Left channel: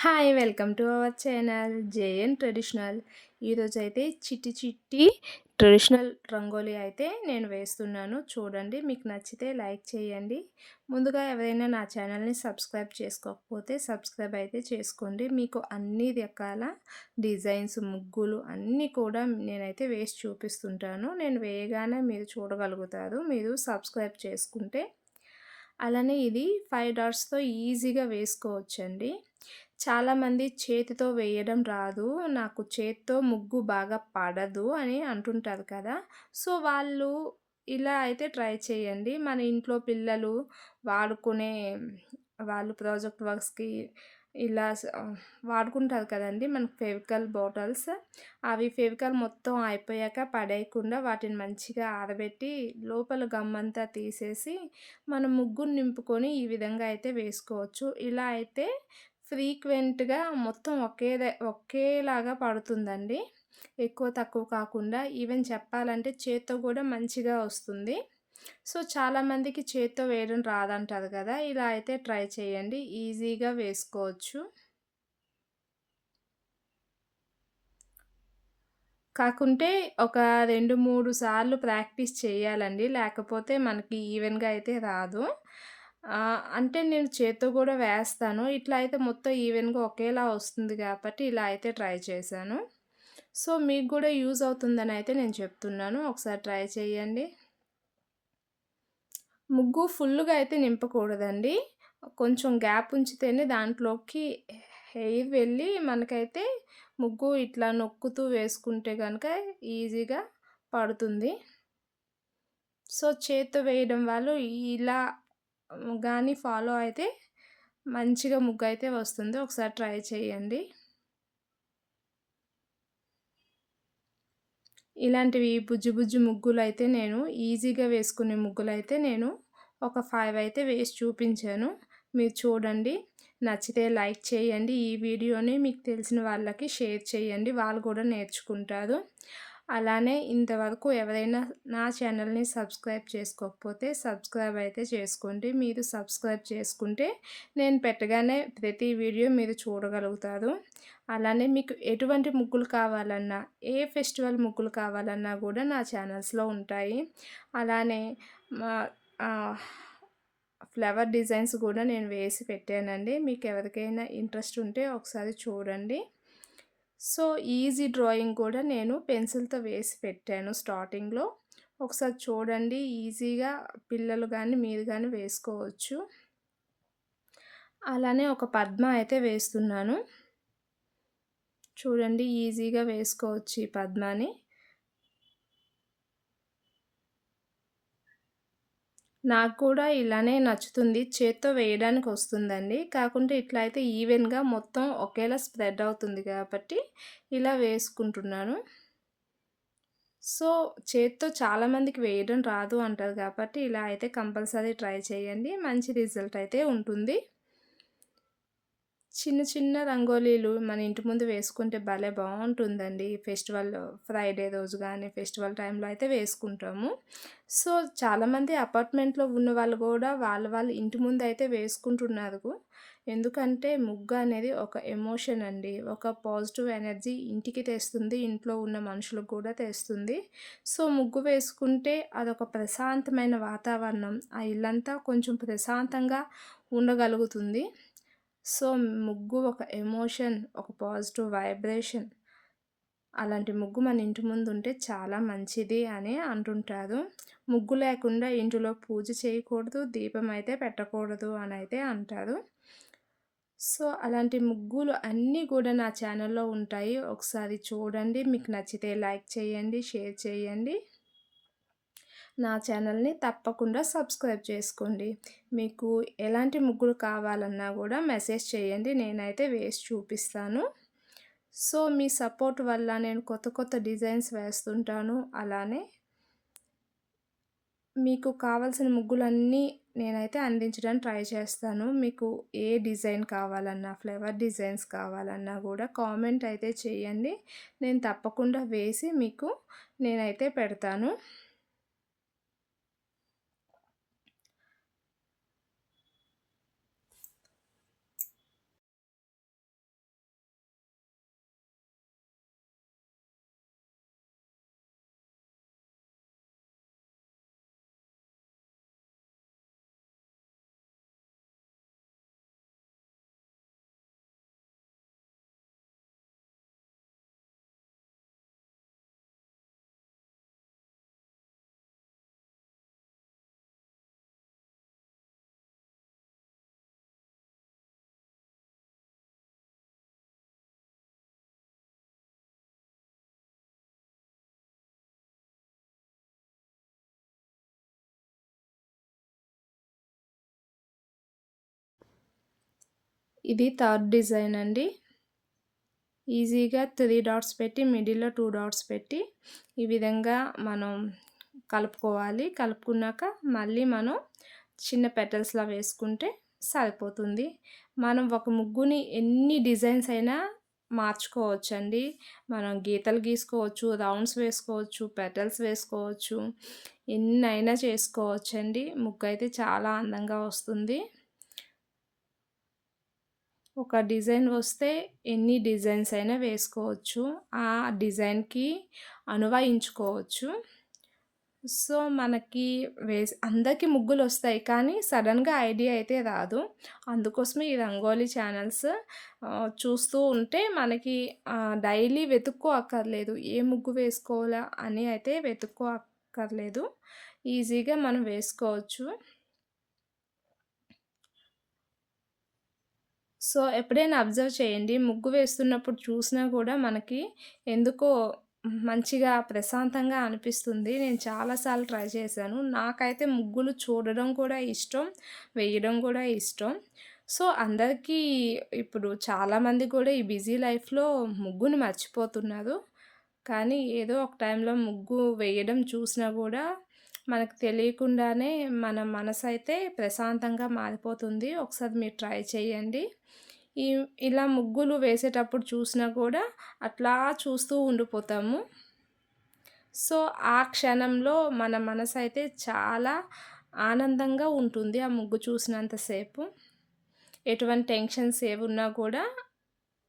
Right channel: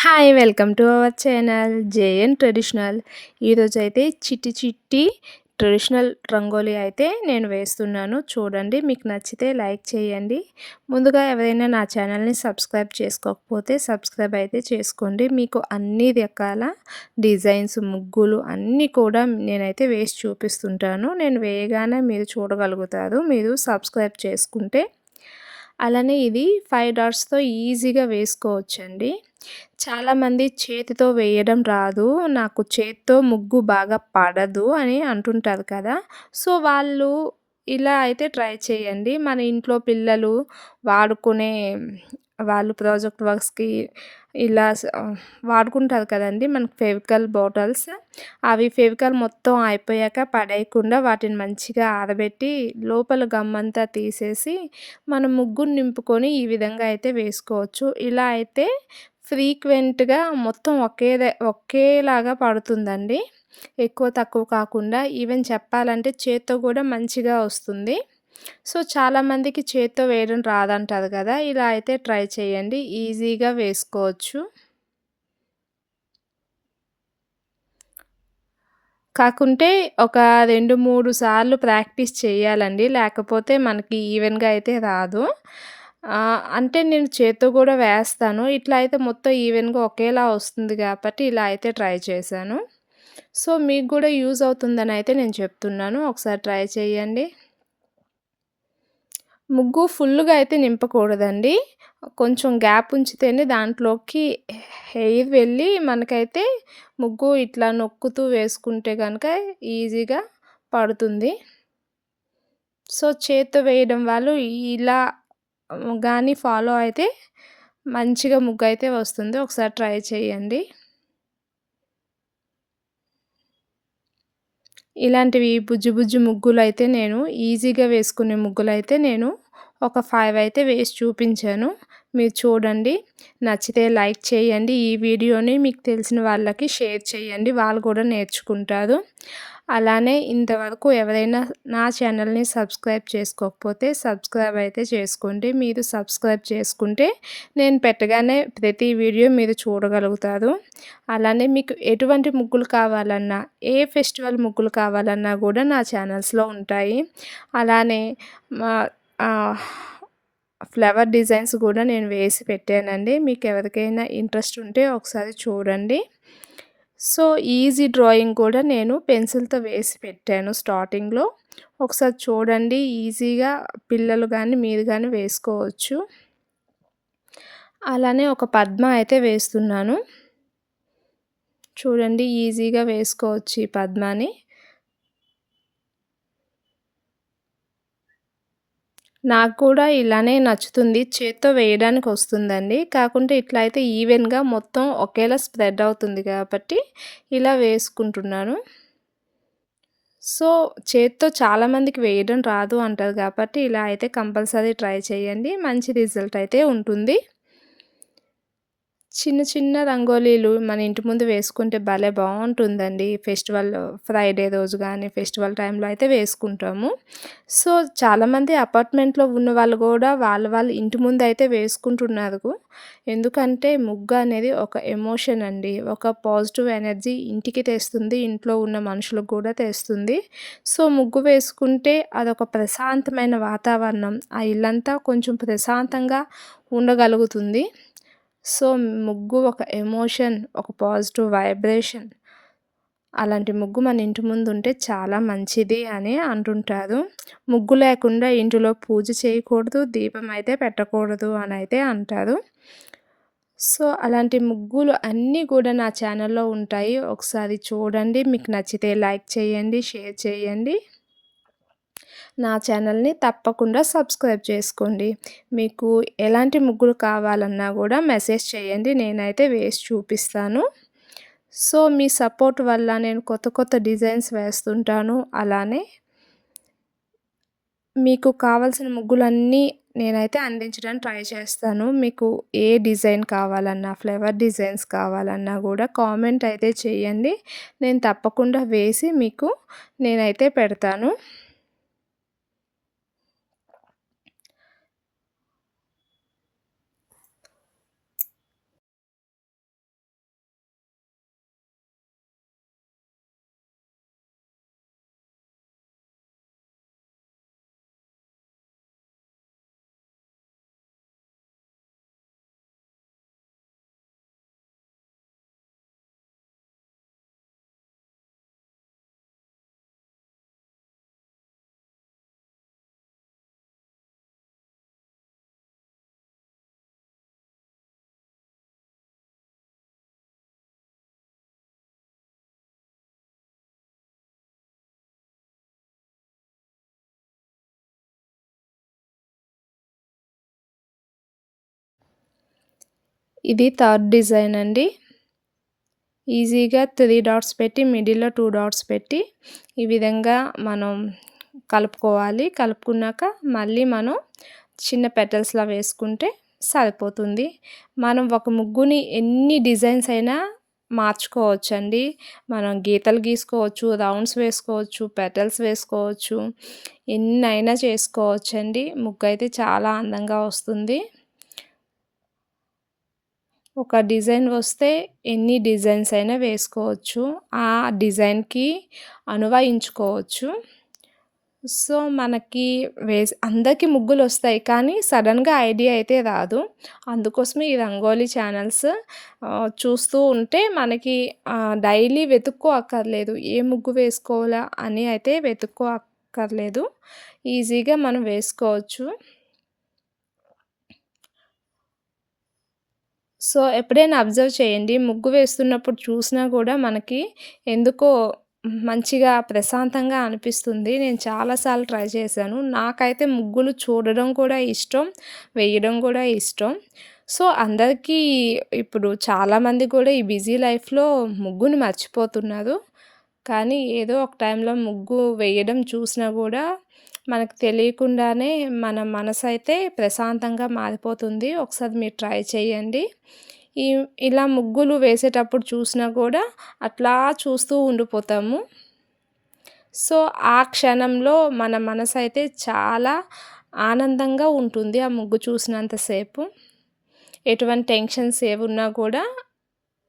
Hi! Welcome to our channel JN traditional. ఈరోజైతే చిట్టి చిట్టి ట్రెడిషనల్ రంగోలీ అయితే నేను వేస్తున్నాను. చూడండి, మీకు నచ్చితే లైక్ చేయండి. ముందుగా ఎవరైనా నా ఛానల్‌ని సబ్స్క్రైబ్ చేసుకోకపోతే సబ్స్క్రైబ్ అయితే చేసుకోండి. మీకు అన్ని రకాల డిజైన్స్, ముగ్గులు అన్నీ కూడా నేనైతే వేసి చూపిస్తుంటాను. నేను వేయగానే మీరు చూడగలుగుతారు. మీరు సబ్స్క్రైబ్ చేసుకుంటే. అలానే ఇది 5 డాట్స్‌తో ఈజీగా వేసుకోవచ్చండి. చాలామంది చేతితో వేయడం రాదు, నాకు చేత్తో ముగ్గు బాగా పడదు అని అంటుంటారు కదా! సో, వాళ్ళు ఇలా అయితే ట్రై చేయండి. మన ఇంట్లో పిల్లలు వాడుకునే వాళ్ళు ప్రాజెక్ట్ వర్క్స్‌కి ఇలా వాడుకుంటారు కదండీ! మనకు ఫెవికాల్ బాటిల్స్. అవి ఫెవికాల్ మొత్తం అయిపోయాక పడేయకుండా వాటిని మంచిగా ఆరబెట్టి లోపల గమ్మంతా తీసేసి మనం ముగ్గుని నింపుకొని ఈ విధంగా అయితే వేసుకోవచ్చు. ఇలా అయితే ఫ్రీక్వెంట్‌గా మొత్తం ఒకేలాగా పడుతుందండి. ఎక్కువ తక్కువ కాకుండా ఈవెన్ చెప్పాలంటే చేత్తో కూడా మంచిగా వస్తుంది. సో, చాలామందికి చేత్తో వేయడం రాదంటారు కదా! ఇలా అయితే ట్రై చేయండి. ఈజీగా వేసుకోవచ్చు. కాకుంటే ఒక 2, 3 సార్లు ప్రాక్టీస్ చేయాలండి. లేకపోతే మనకి ఈవెన్‌గా అయితే రాదు. అంటే నేను చేత్తో గూడా వేస్తాను. ఇట్లా అయితే మొత్తం ఈవెన్‌గా ఒకేలా వస్తుంది గాబట్టి ఇలా అయితే ట్రై చేశాను. సో, మీకు గూడా యూజ్ అవుతుందనయితే నేను చెప్తున్నాను. ఒకసారి ట్రై చేయండి. ముగ్గు ఫుల్లుగా అయితే నింపకూడదండి. కొంచెం గ్యాప్ ఉంచితేనే దాంట్లోకి ఎయిర్ వెళ్ళి మనకైతే ముగ్గు ఇట్లా నొక్కుతూ వేసుకుంటే గనక ఈజీగా పడుతుంది. సో, చేత్తో వేయడం వాళ్ళు ఇలా గాని ఫాలో అయితే మంచిగా ముగ్గయితే వస్తుంది. ఒకసారి ట్రై చేయండి. ఇలాంటివి బుజ్జి బుజ్జి ముగ్గులైతే నేను ఈజీగా వేసుకునే ముగ్గులైతే నేను ఒక 5 అయితే వేసి చూపించాను. మీరు చూడండి. నచ్చితే లైక్ చేయండి. ఈ వీడియోని మీకు తెలిసిన వాళ్ళకి షేర్ చేయండి. వాళ్ళు కూడా నేర్చుకుంటారు. అలానే ఇంతవరకు ఎవరైనా నా ఛానల్‌ని సబ్స్క్రైబ్ చేసుకోకపోతే సబ్స్క్రైబ్ అయితే చేసుకోండి. మీరు సబ్స్క్రైబ్ చేసుకుంటే నేను పెట్టగానే ప్రతి వీడియో మీరు చూడగలుగుతారు. అలానే మీకు ఎటువంటి ముగ్గులు కావాలన్నా, ఏ ఫెస్టివల్ ముగ్గులు కావాలన్నా గూడా నా ఛానల్స్‌లో ఉంటాయి. అలానే మా ఆహ్, ఫ్లవర్ డిజైన్స్ గూడా నేను వేసి పెట్టానండి. మీకెవరికైనా ఇంట్రెస్ట్ ఉంటే ఒకసారి చూడండి. సో, ఈజీ డ్రాయింగ్ కూడా నేను పెన్సిల్‌తో వేసి పెట్టాను స్టార్టింగ్‌లో. ఒకసారి చూడండి. ఈజీగా పిల్లలు గానీ, మీరు గానీ వేసుకోవచ్చు. అలానే ఒక పద్మ అయితే వేస్తున్నాను. చూడండి, ఈజీగా వేసుకోవచ్చు ఈ పద్మాని. నాకు కూడా ఇలానే నచ్చుతుంది. చేత్తో వేయడానికొస్తుందండి. కాకుంటే ఇట్లా అయితే ఈవెన్‌గా మొత్తం ఒకేలా స్ప్రెడ్ అవుతుంది కాబట్టి ఇలా వేసుకుంటున్నాను. సో, చేత్తో చాలామందికి వేయడం రాదు అంటారు కాబట్టి ఇలా అయితే కంపల్సరీ ట్రై చేయండి. మంచి రిజల్ట్ అయితే ఉంటుంది. చిన్న చిన్న రంగోలీలు మన ఇంటి ముందు వేసుకుంటే భలే బావుంటుందండి. ఫెస్టివల్ ఫ్రైడే రోజు గానీ, ఫెస్టివల్ టైంలో అయితే వేసుకుంటాము. సో, చాలామంది అపార్ట్మెంట్‌లో ఉన్నవాళ్ళు గూడా వాళ్ళ ఇంటి ముందయితే వేసుకుంటున్నారు. ఎందుకంటే ముగ్గు అనేది ఒక ఎమోషన్ అండి. ఒక పాజిటివ్ ఎనర్జీ ఇంటికి తెస్తుంది. ఇంట్లో ఉన్న మనుషులకు కూడా తెస్తుంది. సో, ముగ్గు వేసుకుంటే అదొక ప్రశాంతమైన వాతావరణం. ఆ ఇల్లంతా కొంచెం ప్రశాంతంగా ఉండగలుగుతుంది. సో, ముగ్గు ఒక ఎమోషన్, ఒక పాజిటివ్ వైబ్రేషన్. అలాంటి ముగ్గు మన ఇంటి ముందుంటే చాలా మంచిది అని అంటుంటారు. ముగ్గు లేకుండా ఇంటిలో పూజ చేయకూడదు, దీపం అయితే పెట్టకూడదు అనైతే అంటారు. సో, అలాంటి ముగ్గులు అన్నీ కూడా నా ఛానల్‌లో ఉంటాయి. ఒకసారి చూడండి. మీకు నచ్చితే లైక్ చేయండి, షేర్ చేయండి. నా ఛానల్‌ని తప్పకుండా సబ్స్క్రైబ్ చేసుకోండి. మీకు ఎలాంటి ముగ్గులు కావాలన్నా గూడా మెసేజ్ చేయండి. నేనైతే వేసి చూపిస్తాను. సో, మీ సపోర్ట్ వల్ల నేను కొత్త కొత్త డిజైన్స్ వేస్తుంటాను. అలానే మీకు కావాల్సిన ముగ్గులన్నీ నేనైతే అందించడానికి ట్రై చేస్తాను. మీకు ఏ డిజైన్ కావాలన్నా, ఫ్లవర్ డిజైన్స్ కావాలన్నా గూడా కామెంట్ అయితే చేయండి. నేను తప్పకుండా వేసి మీకు నేనైతే పెడతాను. ఇది థర్డ్ డిజైన్ అండి. ఈజీగా 3 డాట్స్ పెట్టి మిడిల్‌లో 2 డాట్స్ పెట్టి ఈ విధంగా మనం కలుపుకోవాలి. కలుపుకున్నాక మళ్ళీ మనం చిన్న పెటల్స్‌లా వేసుకుంటే సరిపోతుంది. మనం ఒక ముగ్గుని ఎన్ని డిజైన్స్ అయినా మార్చుకోవచ్చండి. మనం గీతలు గీసుకోవచ్చు, రౌండ్స్ వేసుకోవచ్చు, పెటల్స్ వేసుకోవచ్చు. ఎన్నైనా చేసుకోవచ్చండి. ముగ్గయితే చాలా అందంగా వస్తుంది. ఒక డిజైన్ వస్తే ఎన్ని డిజైన్స్ అయినా వేసుకోవచ్చు. ఆ డిజైన్‌కి అన్వయించుకోవచ్చు. సో, మనకి అందరికీ ముగ్గులొస్తాయి. కానీ సడెన్‌గా ఐడియా అయితే రాదు. అందుకోసమే ఈ రంగోలీ ఛానల్స్ చూస్తూ ఉంటే మనకి డైలీ వెతుక్కో అక్కర్లేదు. ఏ ముగ్గు వేసుకోవాలా అని అయితే వెతుక్కో అక్కర్లేదు. ఈజీగా మనం వేసుకోవచ్చు. సో, ఎప్పుడైనా అబ్జర్వ్ చేయండి. ముగ్గు వేస్తున్నప్పుడు చూసినా గూడా మనకి ఎందుకో మంచిగా ప్రశాంతంగా అనిపిస్తుంది. నేను చాలా సార్లు ట్రై చేశాను. నాకైతే ముగ్గులు చూడడం కూడా ఇష్టం, వేయడం కూడా ఇష్టం. సో, అందరికీ ఇప్పుడు చాలామంది కూడా ఈ బిజీ లైఫ్‌లో ముగ్గుని మర్చిపోతున్నారు. కానీ ఏదో ఒక టైంలో ముగ్గు వేయడం చూసినా గూడా మనకు తెలియకుండానే మన మనసైతే ప్రశాంతంగా మారిపోతుంది. ఒకసారి మీరు ట్రై చేయండి. ఈ ఇలా ముగ్గులు వేసేటప్పుడు చూసినా కూడా అట్లా చూస్తూ ఉండిపోతాము. సో, ఆ క్షణంలో మన మనసైతే చాలా ఆనందంగా ఉంటుంది ఆ ముగ్గు చూసినంత సేపు. ఎటువంటి టెన్షన్స్ ఏవున్నా కూడా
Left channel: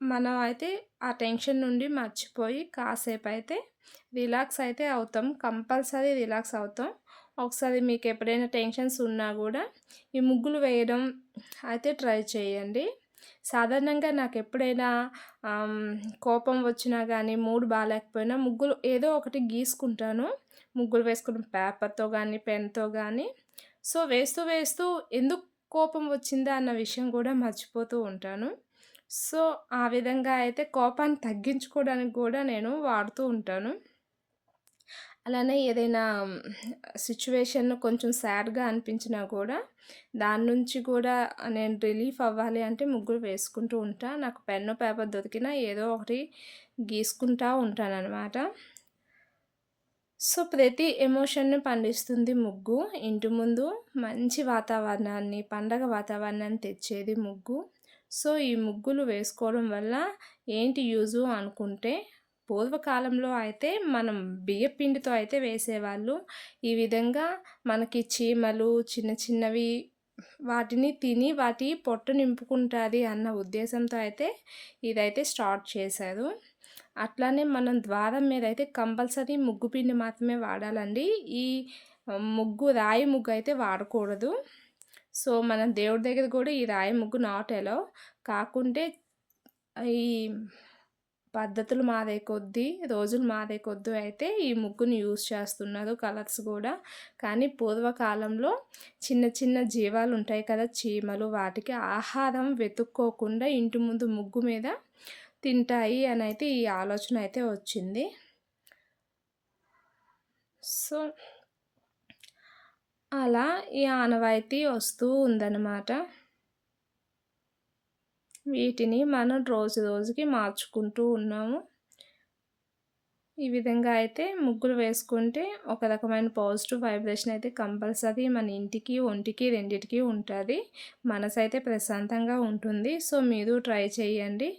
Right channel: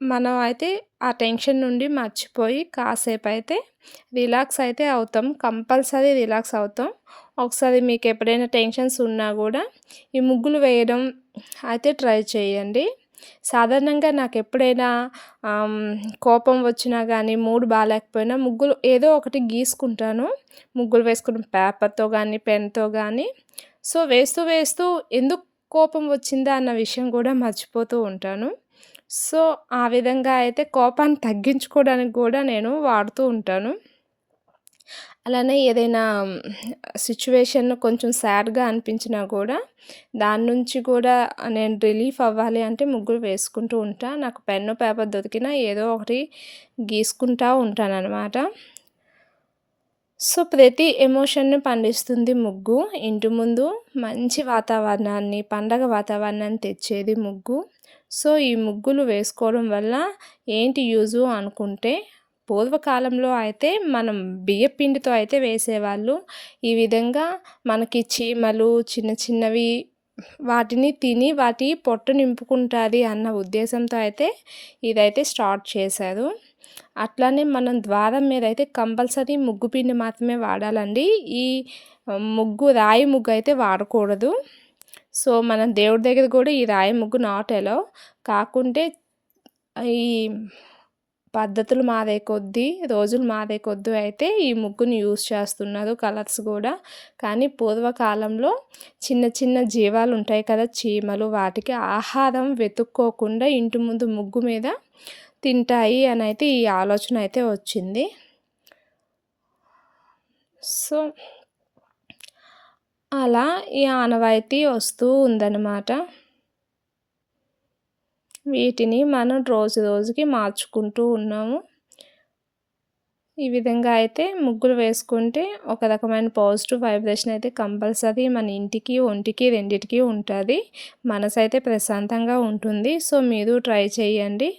మనం అయితే ఆ టెన్షన్ నుండి మర్చిపోయి కాసేపయితే రిలాక్స్ అయితే అవుతాం. కంపల్సరీ రిలాక్స్ అవుతాం. ఒకసారి మీకెప్పుడైనా టెన్షన్స్ ఉన్నా గూడా ఈ ముగ్గులు వేయడం అయితే ట్రై చేయండి. సాధారణంగా నాకెప్పుడైనా ఆహ్, కోపం వచ్చినా గానీ, మూడ్ బాలేకపోయినా ముగ్గులు ఏదో ఒకటి గీసుకుంటాను. ముగ్గులు వేసుకుని పేపర్‌తో గానీ, పెన్‌తో గానీ. సో, వేస్తూ వేస్తూ ఎందుకు కోపం వచ్చిందా అన్న విషయం గూడా మర్చిపోతూ ఉంటాను. సో, ఆ విధంగా అయితే కోపాన్ని తగ్గించుకోవడానికి గూడా నేను వాడుతూ ఉంటాను. అలానే ఏదైనా సిట్యుయేషన్ కొంచెం సాడ్‌గా అనిపించినా గూడా, దాని నుంచి కూడా నేను రిలీఫ్ అవ్వాలి అంటే ముగ్గులు వేసుకుంటూ ఉంటా. నాకు పెన్ను, పేపర్ దొరికినా ఏదో ఒకటి గీసుకుంటా ఉంటాననమాట. సో, ప్రతి ఎమోషన్‌ని పండిస్తుంది ముగ్గు. ఇంటి ముందు మంచి వాతావరణాన్ని, పండగ వాతావరణాన్ని తెచ్చేది ముగ్గు. సో, ఈ ముగ్గులు వేసుకోవడం వల్ల ఏంటి యూజు అనుకుంటే, పూర్వకాలంలో అయితే మనం బియ్యపిండితో అయితే వేసేవాళ్ళు. ఈ విధంగా మనకి చీమలు చిన్న చిన్నవి వాటిని తిని వాటి పొట్ట నింపుకుంటాది అన్న ఉద్దేశంతో అయితే ఇదైతే స్టార్ట్ చేశారు. అట్లానే మనం ద్వారం మీదయితే కంపల్సరీ ముగ్గు పిండి మాత్రమే వాడాలండి. ఈ రాయి ముగ్గు అయితే వాడకూడదు. సో, మనం దేవుడి దగ్గర గూడా ఈ రాయి ముగ్గు నాట్ ఎలౌ. కాకుంటే ఈ పద్ధతులు మారే కొద్దీ, రోజులు మారే కొద్దీ అయితే ఈ ముగ్గుని యూజ్ చేస్తున్నారు కలర్స్ గూడా. కానీ పూర్వకాలంలో చిన్న చిన్న జీవాలుంటాయి కదా! చీమలు వాటికి ఆహారం వెతుక్కోకుండా ఇంటి ముందు ముగ్గు మీద తింటాయి అనైతే ఈ ఆలోచన అయితే వచ్చింది. సో, అలా ఈ ఆనవాయితీ వస్తూ ఉందనమాట. వీటిని మనం రోజు రోజుకి మార్చుకుంటూ ఉన్నాము. ఈ విధంగా అయితే ముగ్గులు వేసుకుంటే ఒక రకమైన పాజిటివ్ వైబ్రేషన్ అయితే కంపల్సరీ మన ఇంటికి, ఒంటికి రెండిటికి ఉంటది. మనసైతే ప్రశాంతంగా ఉంటుంది. సో, మీరు ట్రై చేయండి.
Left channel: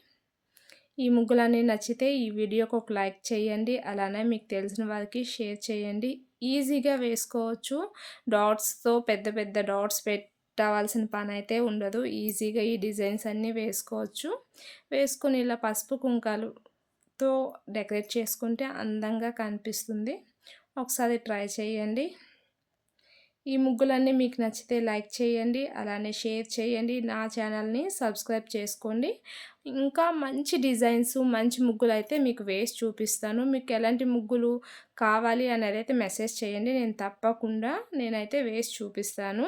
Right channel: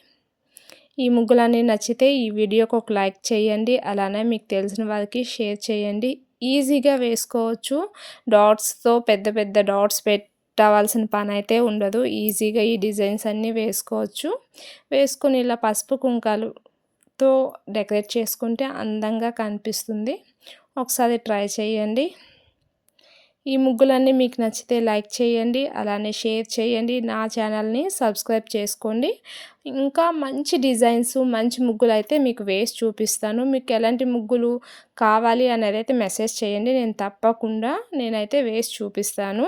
ఈ ముగ్గులన్నీ నచ్చితే ఈ వీడియోకి ఒక లైక్ చేయండి. అలానే మీకు తెలిసిన వారికి షేర్ చేయండి. ఈజీగా వేసుకోవచ్చు. డాట్స్‌తో పెద్ద పెద్ద డాట్స్ పెట్టవలసిన పనైతే ఉండదు. ఈజీగా ఈ డిజైన్స్ అన్నీ వేసుకోవచ్చు. వేసుకొని ఇలా పసుపు, కుంకాలుతో డెకరేట్ చేసుకుంటే అందంగా కనిపిస్తుంది. ఒకసారి ట్రై చేయండి. ఈ ముగ్గులన్నీ మీకు నచ్చితే లైక్ చేయండి. అలానే షేర్ చేయండి. నా ఛానల్‌ని సబ్స్క్రైబ్ చేసుకోండి. ఇంకా మంచి డిజైన్స్, మంచి ముగ్గులైతే మీకు వేసి చూపిస్తాను. మీకు ఎలాంటి ముగ్గులు కావాలి అనేదైతే మెసేజ్ చేయండి. నేను తప్పకుండా నేనైతే వేసి చూపిస్తాను.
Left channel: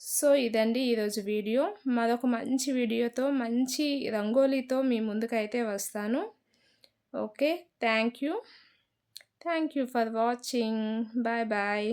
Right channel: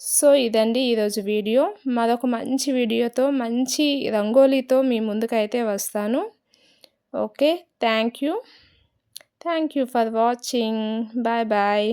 సో, ఇదండి ఈరోజు వీడియో. మరొక మంచి వీడియోతో, మంచి రంగోలీతో మీ ముందుకైతే వస్తాను. Okay. Thank you. Thank you for watching. Bye bye.